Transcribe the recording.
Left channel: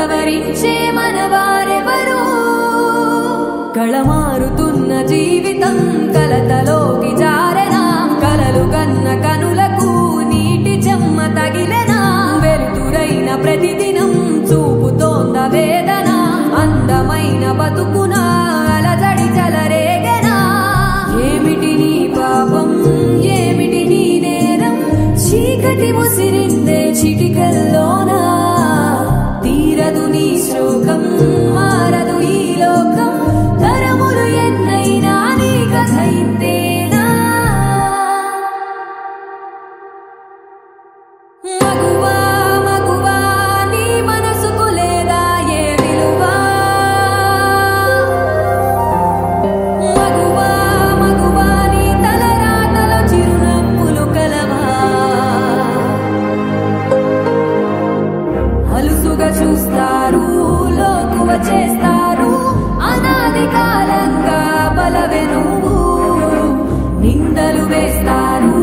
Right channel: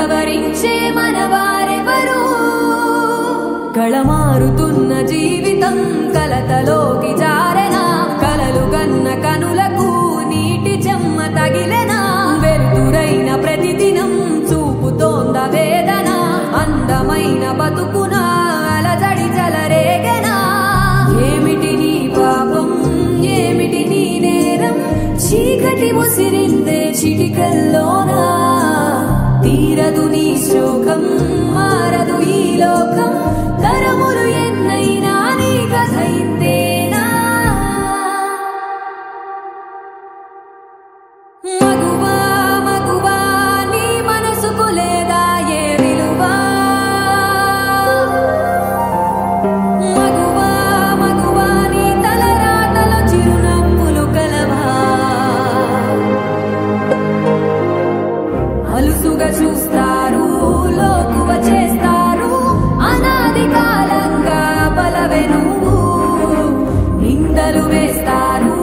సవరించే మనవారెవరు కళమారుతున్న జీవితం కలతలోకి జారెనా కలలు గన్న కనులకు నీటి చెమ్మ తగిలెనా వెలుతురైన ప్రతిదినం చూపుతోంద వేదన అందమైన బతుకున అలజడి జలరేగెనా ఏమిటి నీ పాపం ఏమిటి నీ నేరం చీకటి ముసిరిందే చిటికల్లోనా తీరదు నీ శోకం మారదు ఈ లోకం తరములు ఎన్నైనా నీ కథ ఇంతేనా మగువా మగువా నీ మనసుకు లేదా ఏ విలువా మగువా మగువా నీ తలరాతలో చిరునవ్వులు కలవా అలుసుగా చూస్తారు లోకువ చేస్తారు అనాది కాలంగా బలవే నువ్వు నిందలు వేస్తారు